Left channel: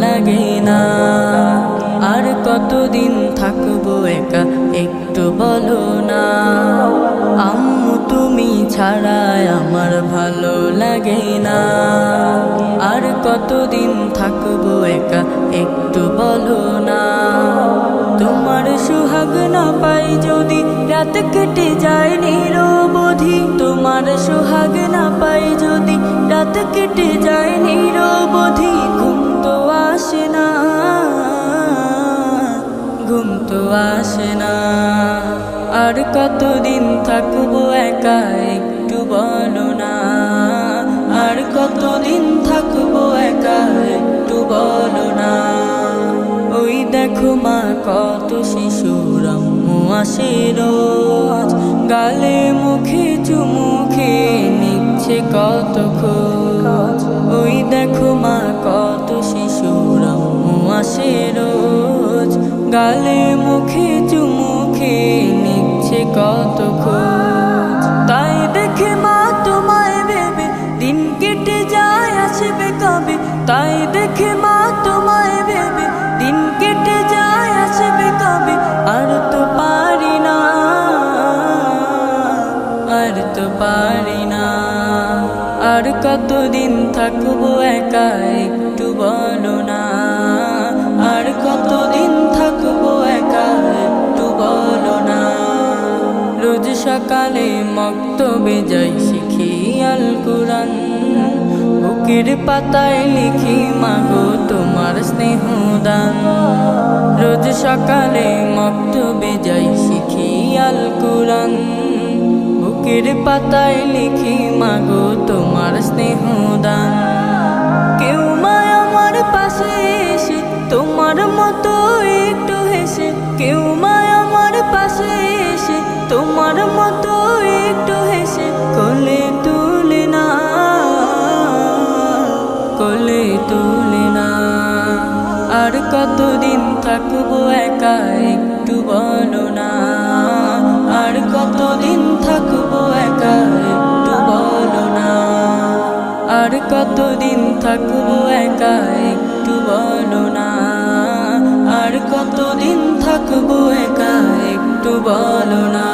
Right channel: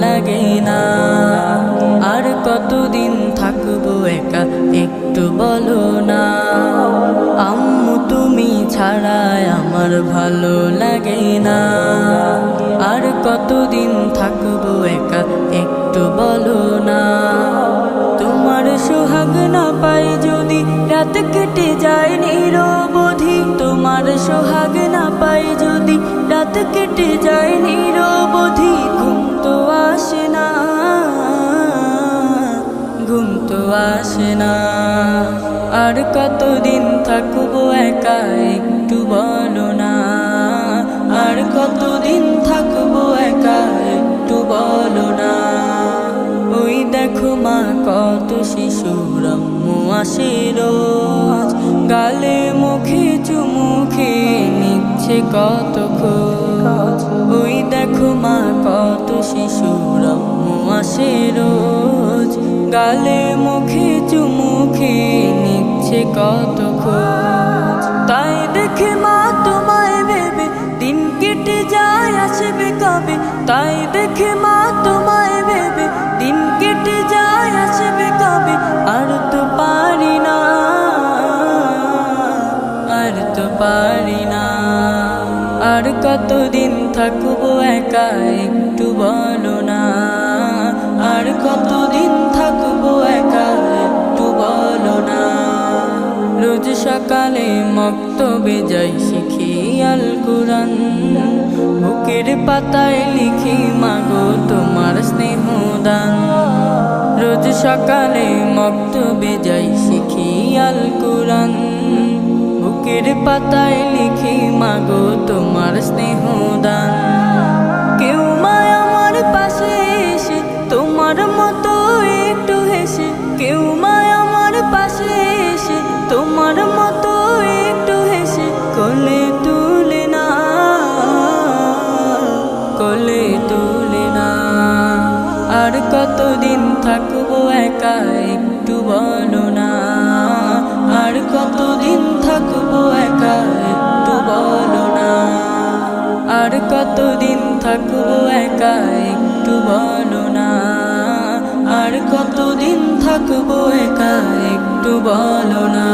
লাগে না। আর কতদিন থাকব একা, একটু বলো না। আম্মু, তুমি ছাড়াই আমার ভালো লাগে না। আর কতদিন থাকব একা, একটু বলো না। তোমার সোহাগ না পাই যদি রাত কেটে যায় নিরবধি। তোমার সোহাগ না পাই যদি রাত কেটে যায় নিরবধি। আসে না। আর কতদিন থাকব একা একটু বলো না। আর কতদিন থাকব একা একটু বলো না। ওই দেখো মা কত শিশুর আম্মু আসে রোজ। গালে মুখে চুমুখে নিচ্ছে কত খোঁজ। ওই দেখো মা কত শিশুর আম্মু আসে রোজ। গালে মুখে চুমুখে নিচ্ছে কত খোঁজ। তাই দেখে মা তোমায় ভেবে দিন কেটে যায়। আসবে কবে? তাই দেখে মা তোমায় ভেবে, দিন কেটে যায়, আসবে কবে? আর তো পারি না, আর তো পারি না। আর কতদিন থাকব একা একটু বলো না, আর কতদিন থাকব রোজ সকালে মক্তবে যাই শিখি আল কোরআন। বুকের পাতায় লিখি, মাগো তোমার স্নেহ দান রোজ সকালে মক্তবে যাই শিখি আল কোরআন। বুকের পাতায় লিখি, মাগো তোমার স্নেহ দান কেউ মা আমার পাশে এসে, তোমার মতো একটু হেসে, কেউ তোমার মতো একটু হেসে কোলে তুলে না, কোলে তুলে না। আর কতদিন থাকব একা একটু বলো না, আর কতদিন থাকব একা একটু বলো না। আর কতদিন থাকব একা একটু বলো না। আর কতদিন থাকব একা একটু বলো না।